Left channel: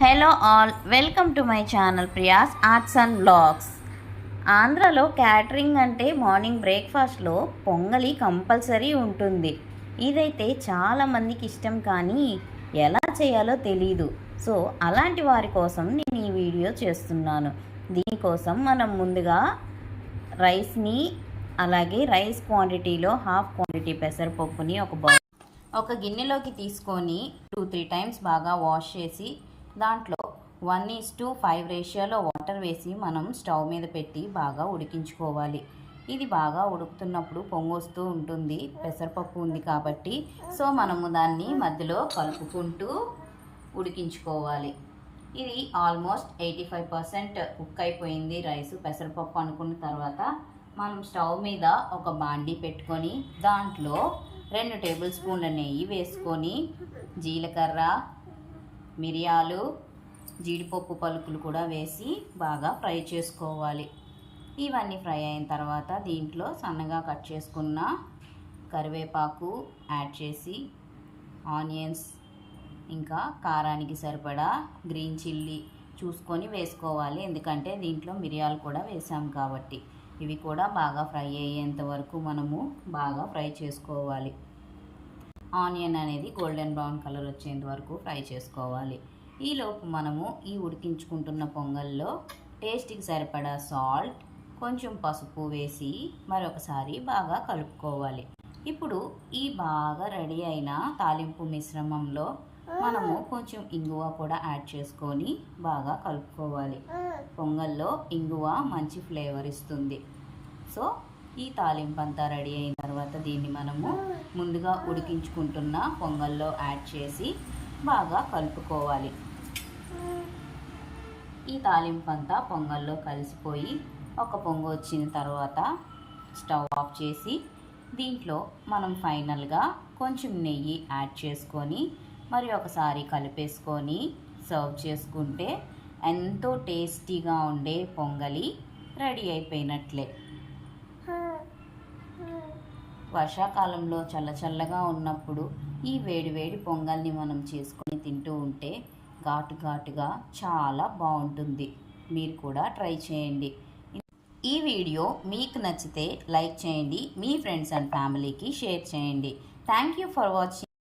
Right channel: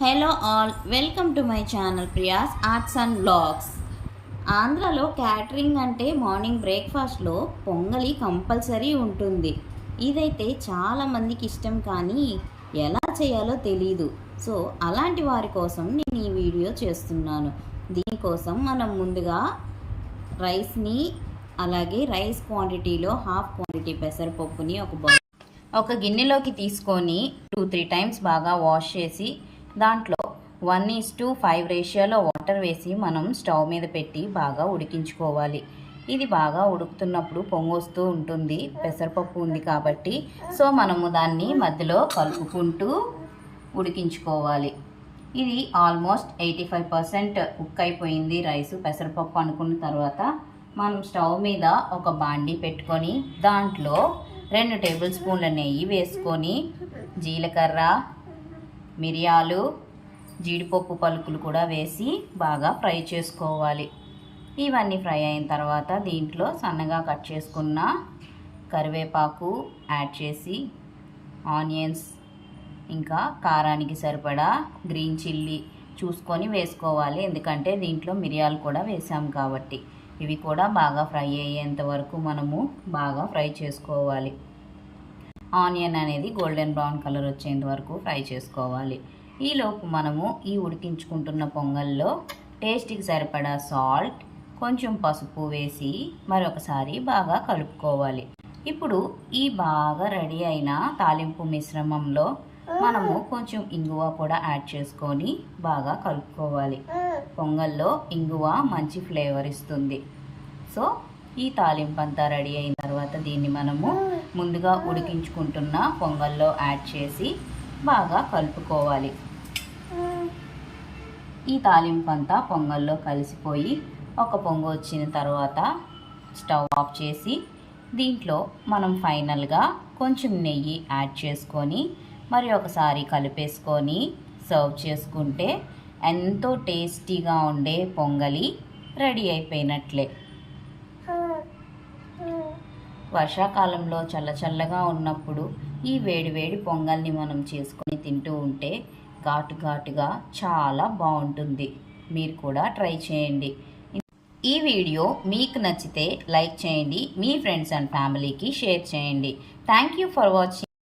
Hello all welcome to my channel Priya's arts and blogs ఆంధ్రాలో catering అంటే morning బ్రేక్ఫాస్ట్లో పొంగలి కంపల్సరీ ఉంటుంది. ఇదైతే చాలామందికి ఇష్టం కానీ ఎలా చేయాలో తెలీదు. సో అలాంటి వారి కోసం నేను ఈ వీడియో చేస్తున్నాను. దీనికోసం మనం ముందుగా రైస్ని అలాగే రైస్ క్వాంటిటీలో హాఫ్ క్వాంటిటీ పెసరపప్పుని ఒక బౌల్ ఒక గిన్నెలోకి తీసుకొని టూ త్రీ టైమ్స్ బాగా వాష్ చేసి దాంట్లో వన్ ఈస్ టు ఫైవ్ రేషియోలో వాటర్ వేసి మనం స్టవ్ మీద పెట్టి బాగా ఉడికించుకోవాలి. ఇది బాగా ఉడుకుతున్నప్పుడు పొంగొస్తూ ఉంటుంది. పెసరపప్పు ఉంది కాబట్టి సో మనము దాన్ని మధ్యలో కలుపుకుంటూ ఉడికించుకోవాలి. ఇది almost eighty five percent cook అయిపోయింది రైస్ పెసరపప్పు అనుకున్న తర్వాత మనం స్టవ్ మీద ఒక బాండీ పెట్టుకొని దాంట్లో రెండు టేబుల్ స్పూన్ల నెయ్యి వేసుకొని జీలకర్ర మిరియాలు జీడిపప్పు పలుకులు కూడా వేసి బాగా ఫ్రై చేసుకోవాలి. ఇవన్నీ ఫ్రై అయిన తర్వాత దీంట్లో సన్నగా కట్ చేసుకున్న కరివేపాకు యాడ్ చేసి ఆనియన్స్ ఇంకా కారానికి సరిపడా గ్రీన్ చిల్లీ చూసుకొని వేసుకోవాలి. ఎందుకంటే దీంట్లో మిరియాలు కూడా వేసాం కాబట్టి. ఇవి కూడా బాగా ఫ్రై అయ్యేంత వరకు మనము బాగా ఫ్రై చేసుకోవాలి. ఆనియన్ అనేది గోల్డెన్ బ్రౌన్ కలర్ వచ్చేంత వరకు ఫ్రై చేసుకోవాలి. ఈలోపు మనము ఈ ఉడికించుకుంటున్న పొంగల్లో టేస్ట్కి సరిపడా సాల్ట్ కొంచెం పసుపు వేసి మరొకసారి బాగా కలుపుకోవాలి. ఇప్పుడు ఈ బాగా రెడీ అయిన తాలింపు మిశ్రమంలో మనము కొంచెం ఇంగువ కూడా యాడ్ చేసుకొని బాగా కలుపుకోవాలి. పొంగల్లో ఇంగువ మంచి ఫ్లేవర్ ఇస్తుంది. సో ఈ తాలింపు అంతా రెడీ అయిన తర్వాత దీన్ని మనము ముందుగా ఉడికించుకుంటున్న పొంగల్లో యాడ్ చేసి బాగా కలుపుకోవాలి. ఈ తాలింపు అంతా పొంగల్లో కలిసిపోయి ఒక పొంగు వచ్చిన తర్వాత స్టవ్ ఆఫ్ చేసి దీంట్లో మనం ఫైనల్గా కొంచెం నెయ్యి యాడ్ చేసుకొని మరి ఒకసారి కలిపేసుకొని సర్వ్ చేసుకుంటే ఎంతో టేస్టీగా ఉండే పొంగలి రెడీ అయిపోయినట్లే. వర్షాకాలంలో చల్లచల్లగా ఉన్నప్పుడు ఈ వేడి వేడి పొంగల్ని మనం చేసుకొని తింటూ ఉంటే ఘాటు ఘాటుగా చాలా బాగుంటుంది. మీరు కూడా ట్రై చేయండి. ఈ వీడియో మీకు నచ్చితే లైక్ చేయండి మీ ఫ్రెండ్స్ అండ్ ఫ్యామిలీకి షేర్ చేయండి. Thank you for watching.